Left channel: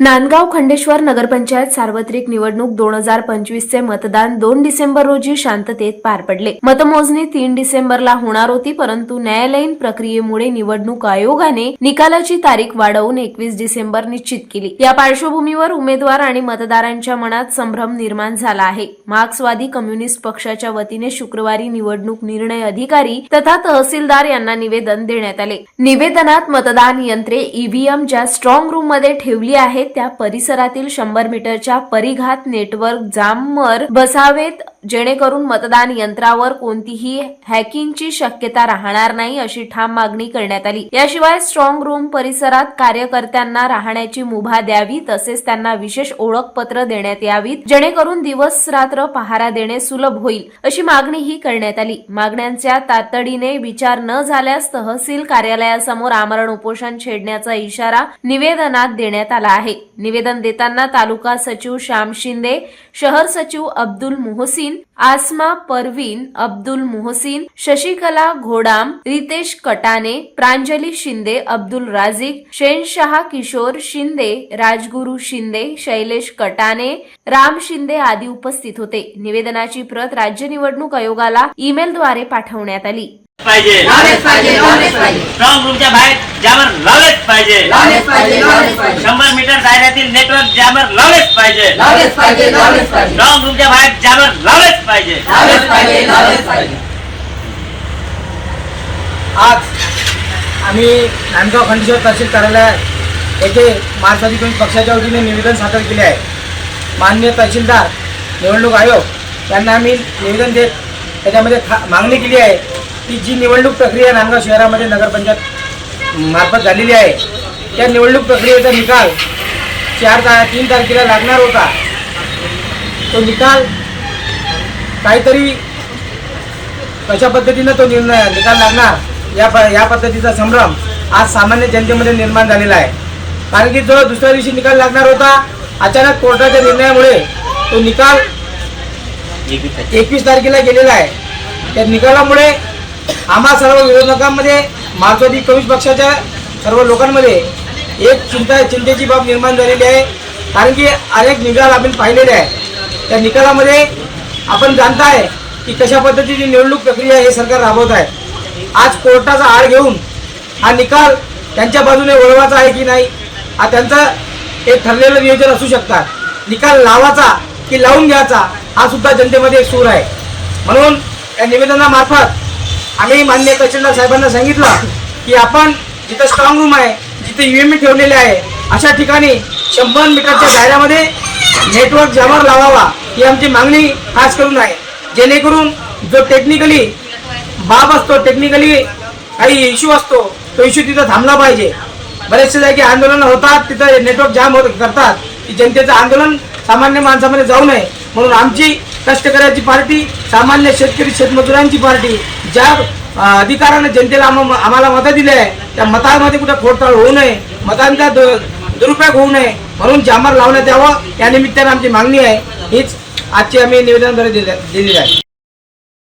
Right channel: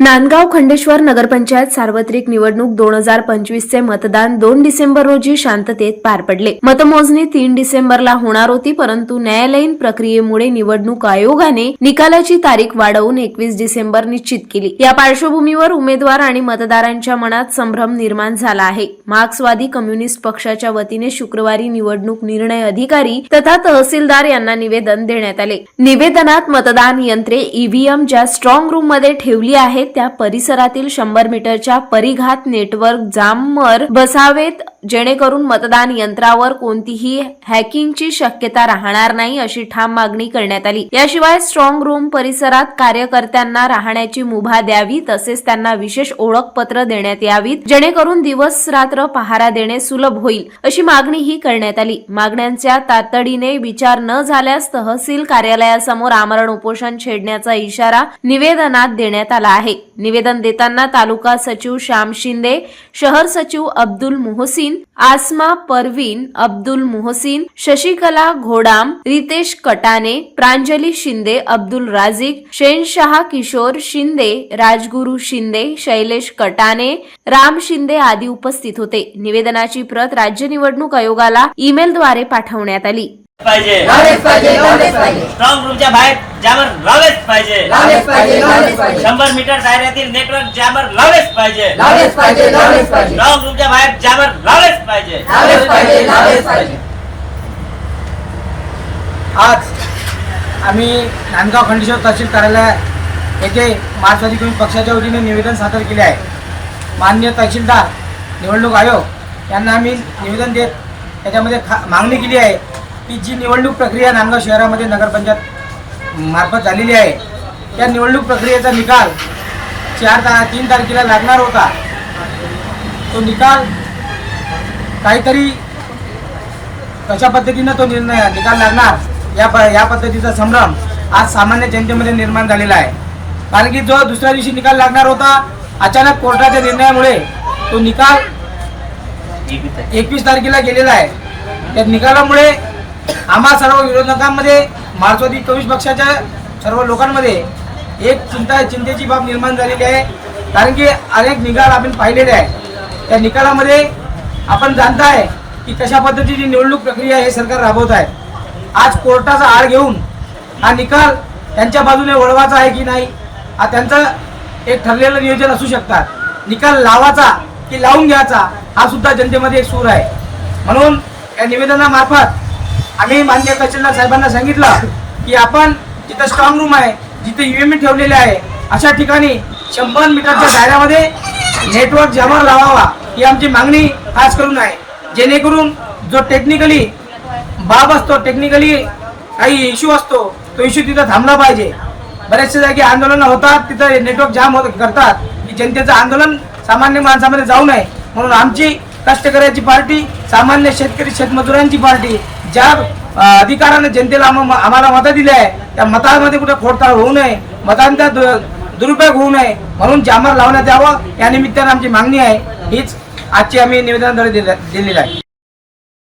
नांदगाव खंडेश्वर नगरपंचायत सार्वत्रिक निवडणूक दोन हजार पंचवीसचे मतदान दोन डिसेंबर रोजी शांततेत पार पडले. मतमोजणी तीन डिसेंबरला होणार होती परंतु न्यायालयीन प्रक्रियेमुळे निवडणूक आयोगाने निकालाची तारीख वाढवून एकवीस डिसेंबर निश्चित केली. या पार्श्वभूमीवर उमेदवार आणि मतदारांच्या मनात संभ्रम निर्माण झाला आहे. मार्क्सवादी कम्युनिस्ट पक्षाच्या वतीने शुक्रवारी निवडणूक निर्णय अधिकारी तथा तहसीलदार यांना निवेदन देण्यात आले. निवेदनात मतदान यंत्रे ईव्हीएम ज्या स्ट्रॉंग रूममध्ये ठेवली आहेत त्या परिसरातील शंभर मीटरच्या परिघात नेटवर्क जामवर बसावेत जेणेकरून मतदान यंत्रावर कोणतीही हॅकिंगची शक्यता राहणार नाही अशी ठाम मागणी करण्यात आली. याशिवाय स्ट्रॉंग रूम परिसरात कार्यकर्त्यांना राहण्याची मुभा द्यावी तसेच त्यांना विशेष ओळखपत्र देण्यात यावीत जेणेकरून दिवस रात्र पहारा देणे सुलभ होईल अशी मागणीही करण्यात आली. मागण्यांच्या तातडीने विचार न झाल्यास तहसील कार्यालयासमोर आमरण उपोषण छेडण्याचा इशारा निवेदनात देण्यात आला आहे. निवेदन देताना तालुका सचिव श्याम शिंदे शहर सचिव अब्दुल मोहसिन आसमा परवीन अब्दुल मोहसिन शशिकला घोडाम रितेश कटाने प्रांजली शिंदे अब्दुल राझिक शेनशहा किशोर शिंदे राजगुरू शिंदे शैलेश कटाने राम शिंदे आदी उपस्थित होते. निवेदनाची प्रत राज्य निवडणूक आयोगाला ईमेलद्वारे पाठवण्यात आली. पाहिजे. पाहिजे. लावलेच पाहिजे शंभर मीटर दायऱ्यातील नेटवर्क जॅमर लावलेच पाहिजे. स्ट्रॉंग रूमच्या बाहेर जॅमर लावलेच पाहिजे. आज आम्ही नांदगाव खंडेश्वर तहसील कार्यालयात येथे मार्क्सवादी कम्युनिस्ट पक्षाच्या वतीने निवेदन सादर केले आहे. माननीय तहसीलदार निवडणूक आयोग यांना आम्ही निवेदन देत त्याच्यामध्ये खा मागणी केली आहे की जी निवडणूक प्रक्रिया नांदगाव शहरामध्ये नगरपंचायत मार्फत झालेली आहे. त्या निवडणूक प्रक्रियेचा निकाल चार ता तीन तारखेला लागणार होता. तो निकाल काहीतरी कशा पद्धतीनं तो निर्णय निकाल लागणार या प या पद्धतीचा संभ्रम आज सामान्य जनतेमध्ये निर्माण झालेला आहे. कारण की जो दुसऱ्या दिवशी निकाल लागणार होता अचानक कोर्टाच्या निर्णयामुळे तो निकाल एकवीस तारखेला गेलेला आहे. त्या निकालामुळे आम्हा सर्व विरोधकांमध्ये मार्क्सवादी कम्युनिस्ट पक्षाच्या सर्व लोकांमध्ये एक चिंता चिंतेची बाब निर्माण झालेली आहे. कारण की अनेक निकाल आपण पाहिलेले आहे त्या निकालामध्ये आपण जाणताय की कशा पद्धतीची निवडणूक प्रक्रिया हे सरकार राबवत आहे. आज कोर्टाचा आळ घेऊन हा निकाल त्यांच्या बाजूने वळवायचा आहे की नाही हा त्यांचा एक ठरलेलं नियोजन असू शकतात. निकाल लावायचा की लावून घ्यायचा हा सुद्धा जनतेमध्ये एक सूर आहे. म्हणून या निवेदनामार्फत आम्ही मान्य तहसीलदार साहेबांना सांगितलं की आपण जिथं स्ट्रॉंग रूम आहे जिथे युएमई ठेवलेले आहे अशा ठिकाणी शंभर मीटरच्या दायऱ्यामध्ये नेटवर्क जमा लावावा ही आमची मागणी खास करून आहे. जेणेकरून जो टेक्निकली बाब असतो टेक्निकली काही इश्यू असतो तो इश्यू तिथं थांबला पाहिजे. बरेचसे जागी आंदोलन होतात तिथं नेटवर्क जाम होत करतात. की जनतेचं आंदोलन सामान्य माणसामध्ये जाऊ नये. म्हणून आमची कष्टकऱ्याची पार्टी सामान्य शेतकरी शेतमजुरांची पार्टी ज्या अधिकारानं जनतेला आम्हाला मतं दिली आहे त्या मतांमध्ये कुठे खोडताळ होऊ नये मतांचा दु- दुरुपयोग होऊ नये म्हणून जामर लावण्यात यावं या निमित्तानं आमची मागणी आहे. हीच आजची आम्ही निवेदनाद्वारे दिली दिलेली आहे.